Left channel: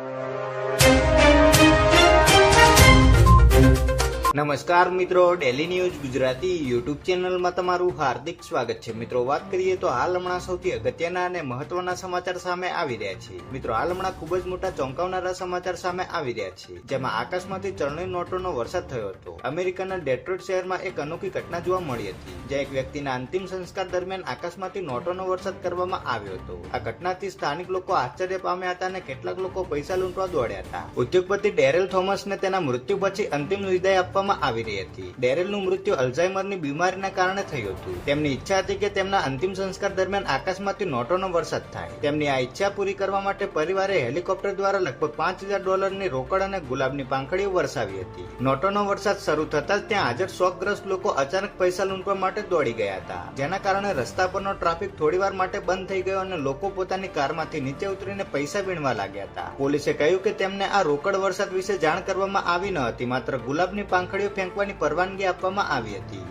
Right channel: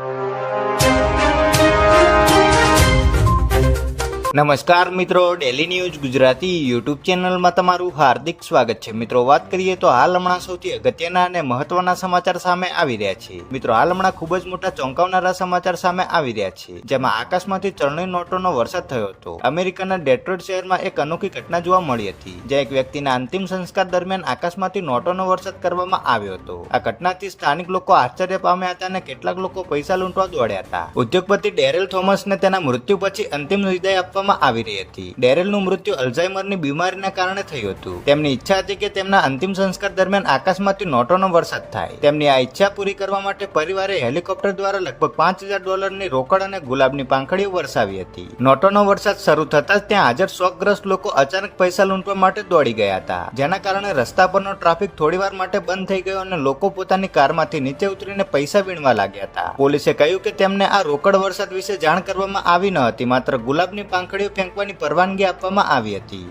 you. નમસ્કાર મિત્રો daily news Gujarati YouTube ચેનલમાં તમારું હાર્દિક સ્વાગત છે. મિત્રો, વાત કરીએ તો હાલ હમણાં સૌથી અગત્યના અને મહત્વના સમાચાર સામે આવી રહ્યા છે. મિત્રો, હાલ હમણાં ખૂબ જ મોટા ચોંકાવનારા સમાચાર સામે આવી રહ્યા છે, જેમાં આકાશમાંથી ચલણી નોટોનો વરસાદ થયો હતો. અમેરિકાના ડેટ્રોઇટ શહેરમાં એક અનોખી ઘટના જોવા મળી હતી, જ્યાં એક વ્યક્તિના અંતિમ સંસ્કાર દરમિયાન આકાશમાંથી નોટોનો વરસાદ કરવામાં આવ્યો હતો. આ ઘટનાથી સ્થાનિક લોકો આશ્ચર્ય પામ્યા હતા અને કેટલાક લોકો પૈસા લૂંટવા દોડ્યા હતા. ઉદ્યોગપતિ ડેરેલ થોમસને તેના મૃત્યુ પછી અંતિમ વિદાય આપવામાં આવી રહી હતી. ડેરેલનું મૃત્યુ અલ્ઝાઇમરની બીમારીના કારણે થયું હતું. તેમની ઈચ્છા હતી કે તેમના અંતિમ સંસ્કાર દરમિયાન આકાશમાંથી નોટોનો વરસાદ થાય. તેમની આ ઈચ્છા પૂરી કરવા માટે પરિવારે હેલિકોપ્ટર દ્વારા લગભગ પાંચ હજાર ડોલરની રોકડ અને ગુલાબની પાંખડીઓ વરસાવી હતી. નોટોનો વરસાદ શરૂ થતાં જ ત્યાં હાજર શોકગ્રસ્ત લોકો અચાનક પૈસા લૂંટવા માટે દોડી ગયા હતા. જેના કારણે રસ્તા પરનો ટ્રાફિક થોડીવાર માટે બંધ થઈ ગયો અને લોકો પોતાની કારમાંથી નીચે ઉતરીને પૈસા વીણવા લાગ્યા હતા. પોલીસે કહ્યું કે તેમને આ રોકડ વરસાદ વિશે જાણ કરવામાં આવી ન હતી, માત્ર ગુલાબની પાંખડીઓ ફેંકવાની પરવાનગી આપવામાં આવી હતી.